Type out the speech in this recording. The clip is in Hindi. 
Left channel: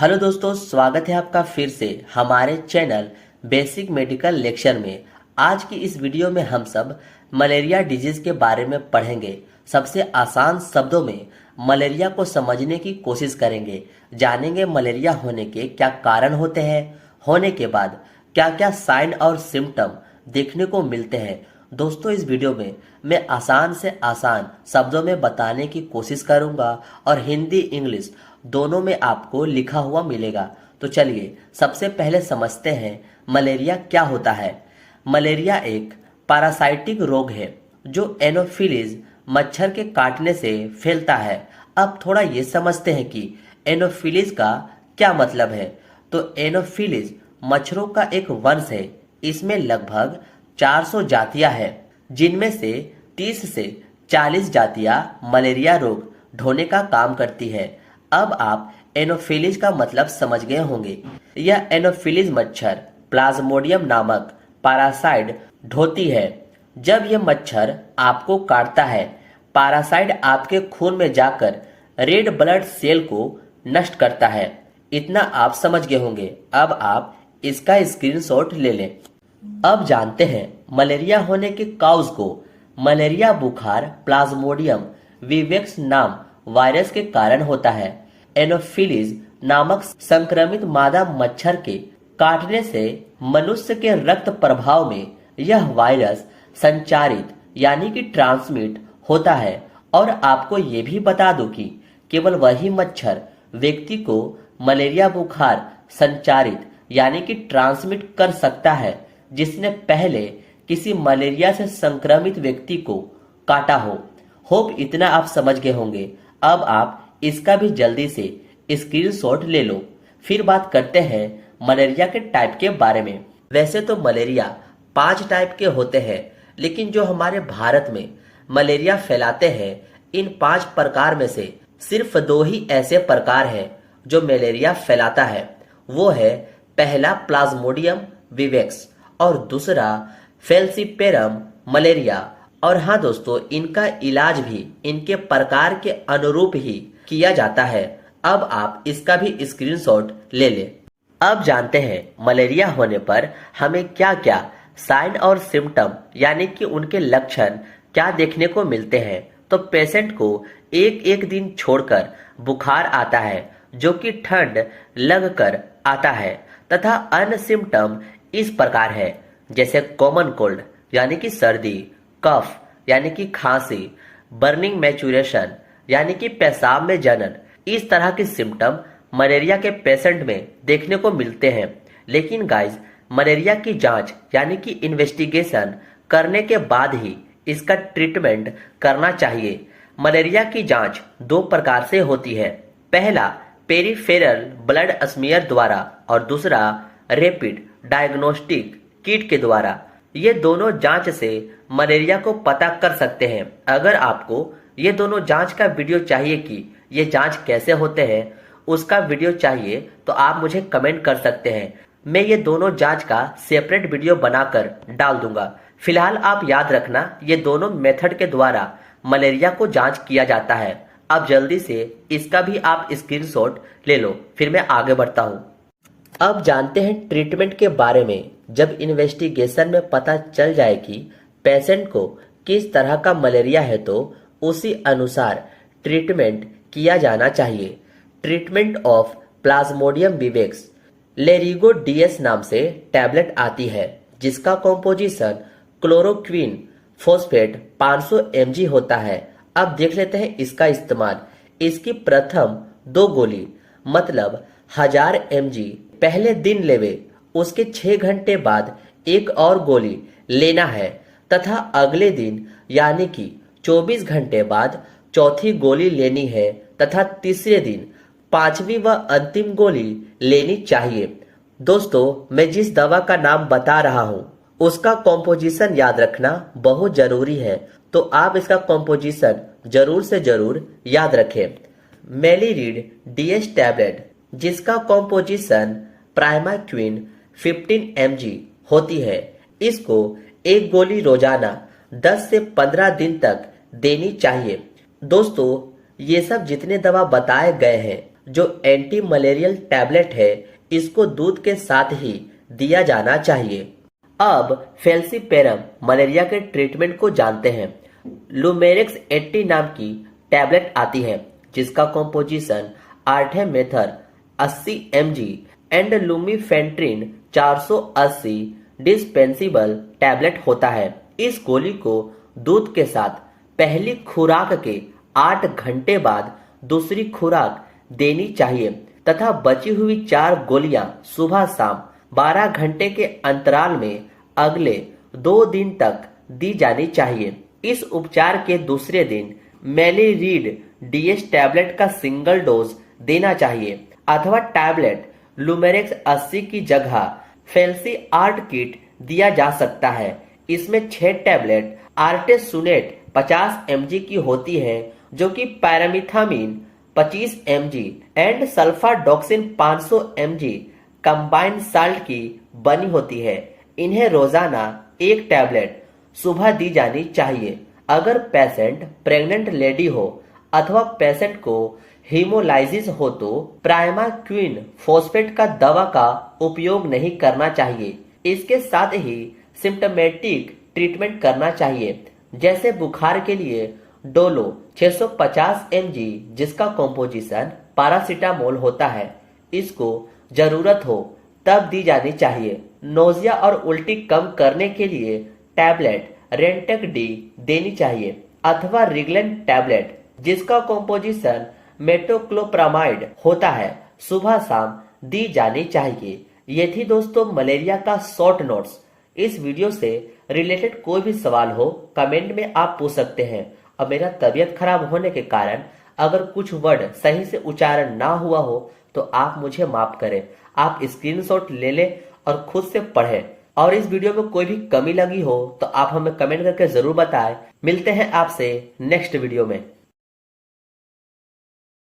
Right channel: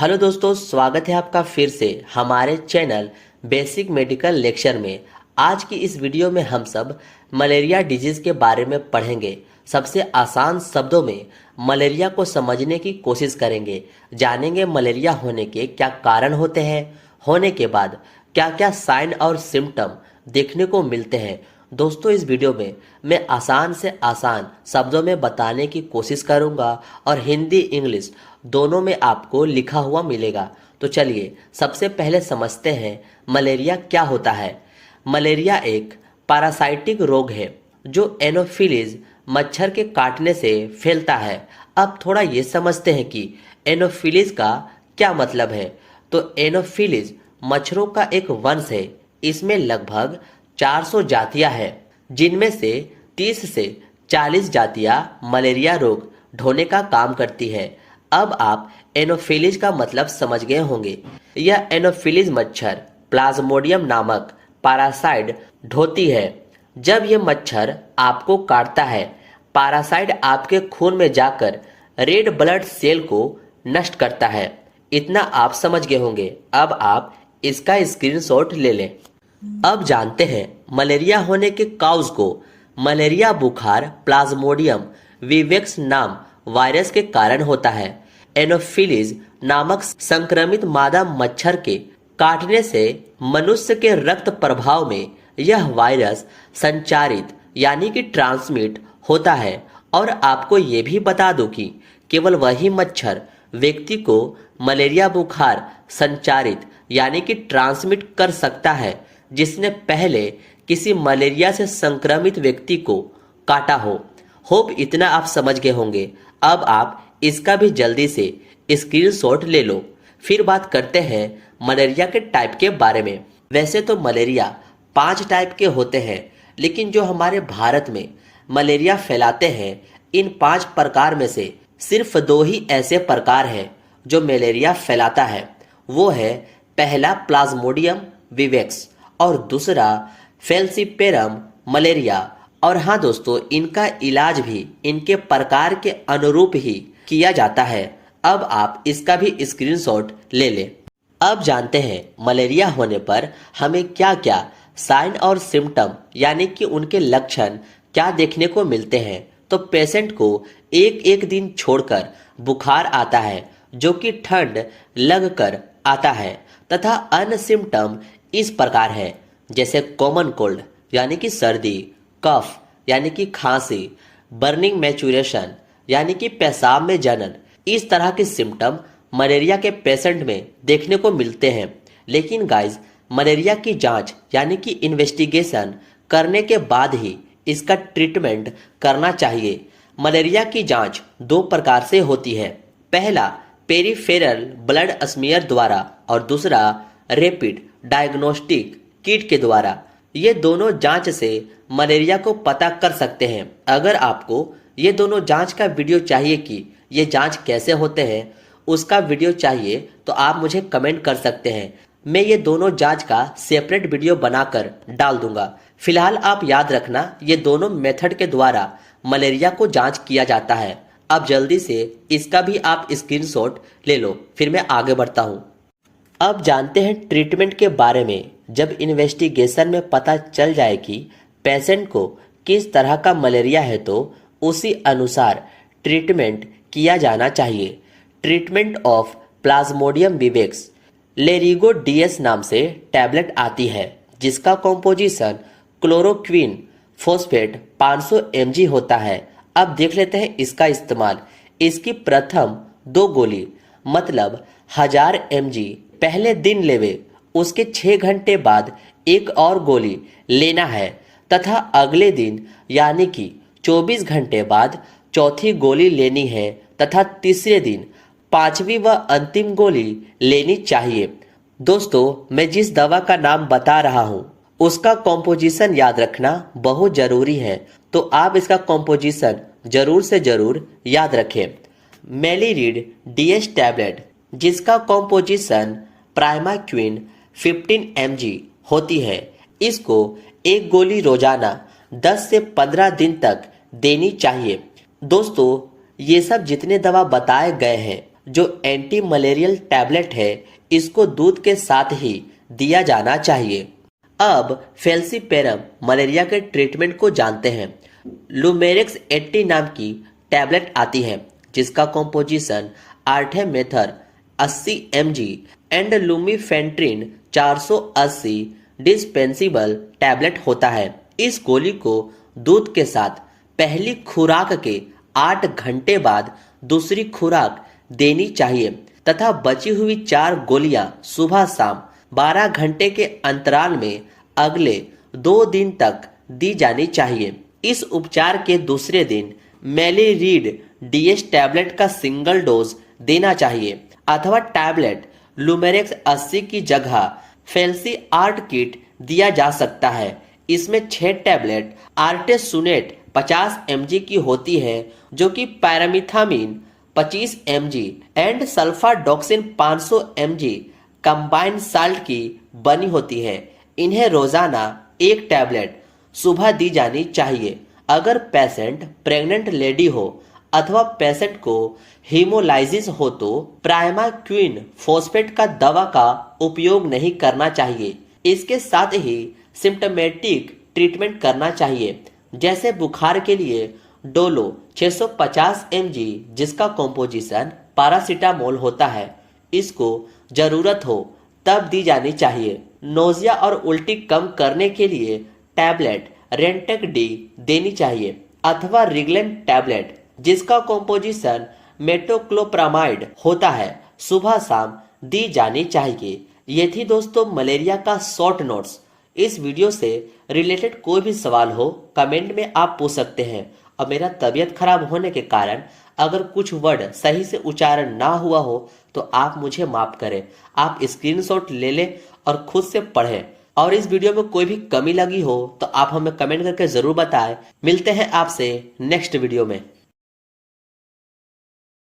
हेलो दोस्तों, स्वागत है आपका फिर से हमारे चैनल बेसिक मेडिकल लेक्चर में। आज की इस वीडियो में हम सब मलेरिया डिजीज के बारे में पढ़ेंगे। सबसे आसान शब्दों में मलेरिया को समझने की कोशिश करेंगे। जानेंगे मलेरिया होने के क्या कारण होते हैं, होने के बाद क्या क्या साइन और सिम्टम देखने को मिलते हैं। दोस्तों, इस वीडियो में मैं आसान से आसान शब्दों में बताने की कोशिश करूंगा और हिंदी इंग्लिश दोनों में आपको लिखा हुआ मिलेगा। तो चलिए सबसे पहले समझते हैं मलेरिया क्या होता है। मलेरिया एक पैरासाइटिक रोग है जो एनोफिलीज मच्छर के काटने से फैलता है। अब थोड़ा ये समझते हैं कि एनोफिलीज का क्या मतलब है। तो एनोफिलीज मच्छरों का एक वंश है। इसमें लगभग 400 जातियां हैं, जिनमें से 30 से 40 जातियां मलेरिया रोग ढोने का काम करती है। अब आप एनोफिलीज का मतलब समझ गए होंगे। यह एनोफिलीज मच्छर प्लाज्मोडियम नामक पैरासाइट ढोती है। जब यह मच्छर आपको काटता है, पैरासाइट आपके खून में जाकर रेड ब्लड सेल को नष्ट करता है। इतना आप समझ गए होंगे। अब आप इसका स्क्रीनशॉट ले लें। अब जानते हैं मलेरिया होने के काउज को। मलेरिया बुखार प्लाज्मोडियम विवेक्स नाम वायरस के कारण होता है। एनोफिलीज नामक संक्रमित मादा मच्छर के काटने से मनुष्य के रक्त प्रभाव में यह वायरस संचारित यानी कि ट्रांसमिट होता है। और आपको ये भी बता दूं कि केवल वही मच्छर व्यक्ति को मलेरिया बुखार संचारित यानी कि ट्रांसमिट कर सकता है जिसने पहले किसी मलेरिया से संक्रमित व्यक्ति को काटा हो। होप इतना आप समझ गए होंगे। अब आप इसका भी जल्दी से स्क्रीनशॉट ले लो। फिर बात करते हैं मलेरिया के टाइप के बारे में। वैसे तो मलेरिया 5 टाइप के होते हैं, लेकिन जो हमारे भारत में मलेरिया फैलाते हैं, इन 5 प्रकार में से सिर्फ 2 ही ऐसे प्रकार हैं जो मलेरिया फैलाता है। वो है पहला प्लाज्मोडियम विवेक्स और दूसरा फैलसिपेरम मलेरिया। और हाँ दोस्तों, इनका इलाज भी इनके प्रकार के अनुरूप ही किया जाता है। अब आप इसका भी स्क्रीनशॉट ले लें। अब जानते हैं मलेरिया होने पर हमें क्या क्या साइन और सिम्टम यानी कि उनके लक्षण क्या देखने को मिलते हैं। तो पेशेंट को एक एक दिन छोड़कर बुखार आता है जो कि ठंड लगकर आता है, तथा अन्य सिम्टम इस प्रकार है जैसे कॉमन कोल्ड यानी कि सर्दी, कफ यानी कि खांसी, बर्निंग मैचुरेशन यानी कि पेशाब में जलन। इस तरह के सिम्टम मलेरिया के पेशेंट में देखने को मिलते हैं। लेकिन गाइस, मलेरिया की जांच यानी कि इन्वेस्टिगेशन करने के बाद ही इसका ट्रीटमेंट करना चाहिए। मलेरिया की जांच 2 प्रकार से होती है। पहला पेरिफेरल ब्लड स्मीयर द्वारा और दूसरा रैपिड डायग्नोस्टिक किट के द्वारा। ये दोनों जांच से मलेरिया को पता कर सकते हैं। अगर आपको ये दोनों जांच का वीडियो चाहिए कि ये जांच कैसे होते हैं, उसका वीडियो चाहिए तो आप मुझे कमेंट कर सकते हैं। मैं ये दोनों जांच का सेपरेट वीडियो बनाकर डाल दूंगा। फिलहाल आप याद रखना, ये दोनों मेथड के द्वारा मलेरिया को जांच किया जाता है। अब जल्दी से इसका भी आप स्क्रीनशॉट ले लो, फिर मैं आगे बढ़ता हूँ। अब जानते हैं ट्रीटमेंट के बारे में। जब इन्वेस्टिगेशन में पता चल जाए कि पेशेंट को किस तरह का मलेरिया है, तो उसी अनुसार ट्रीटमेंट किया जाना चाहिए। Treatment of plasmodium vivax Larigo DS नाम से टैबलेट आती है, जिसका कॉम्पोजिशन क्लोरोक्विन फॉस्फेट 500 mg होता है। अब देख लेते हैं इसका इस्तेमाल। इसकी प्रथम 2 गोली मतलब 1000 mg पहले दिन लेवे, उसके 6 घंटे बाद एक और गोली लेना है, तथा अगले दिन यानी कि 24 घंटे बाद चौथी गोली लेनी है, तथा तीसरे दिन 5वीं व अंतिम गोली लेनी चाहिए। दोस्तों, मैं जिस दवा का नाम बता रहा हूँ उसका कॉम्पोजिशन याद रखना बहुत जरूरी है, तो आप इसका कॉम्पोजिशन जरूर से जरूर याद रखें। मेलिरिड डीएस टैबलेट, जिसका कॉम्पोजिशन प्राइमाक्विन 15 mg होती है, इसको एक गोली रोजाना 10 से 15 दिन तक देनी चाहिए। दोस्तों, ये सब जितने दवा बताए गए हैं जो एंटी मलेरियल टैबलेट है इसको दूध के साथ ही दिया जाना चाहिए। अब फेल्सीपेरम मलेरिया के ट्रीटमेंट को जानते हैं। लुमेरिक्स 80 नाम की टैबलेट आती है जिसका composition artemether 80 mg and lumefantrine 480 dispersible tablet होता है। इस गोली को दूध के साथ पहली खुराक के 8 घंटे बाद दूसरी खुराक देनी चाहिए तथा बची हुई 4 गोलियां सुबह शाम 12 घंटे के अंतराल में अगले 2 दिन तक दी जानी चाहिए। इस उपचार के दूसरे दिन मेलिरीड डीएस टैबलेट का सिंगल डोज देना चाहिए अथवा टैबलेट लुमेरिक्स 80 की जगह फेल्सी आर्ट किट दिया जा सकता है। इसमें 6 टैबलेट आर्टेसुनेट 50 mg की होती है जो कि pyrimethamine 25 mg and sulfadoxine 500 mg combined salt की बनी होती है। इन्हें रोजाना 1 टैबलेट सुबह दी जानी चाहिए। अगर पेशेंट प्रेग्नेंट लेडी हो अथवा पेशेंट को हीमोलाइसिस हो तो प्राइमाक्विन फॉस्फेट का दवा का उपयोग नहीं करना चाहिए। इसके साथ ही सिम्टोमेटिक ट्रीटमेंट करना चाहिए जैसे बुखार के लिए डोलो 650 mg जिसका कॉम्पोजिशन पैरासीटामोल होता है, इसको जरूरत हो तब दी जानी चाहिए। नोजिया और उल्टी कम करने के लिए टैबलेट रेंटेक डी देनी चाहिए अथवा रिगलेंट टैबलेट जिसका कॉम्पोजिशन मेटोक्लोप्रामाइड होता है, सुबह शाम दी जानी चाहिए। ये थी दोस्तों मलेरिया का शॉर्ट नोट्स। इस वीडियो से रिलेटेड कोई भी सवाल हो कमेंट में आप पूछ सकते हैं और मेरा तबीयत खराब होने के कारण अगर कुछ वर्ड सही से उच्चारण ना हुआ हो तो आप मुझे माफ करें। आप स्क्रीनशॉट ले लें और खुद से पढ़ें और इस वीडियो में कोई भी कमी लगी हो तो आप हमें कमेंट करके जरूर बताएं। मिलते हैं आपसे नेक्स्ट वीडियो में।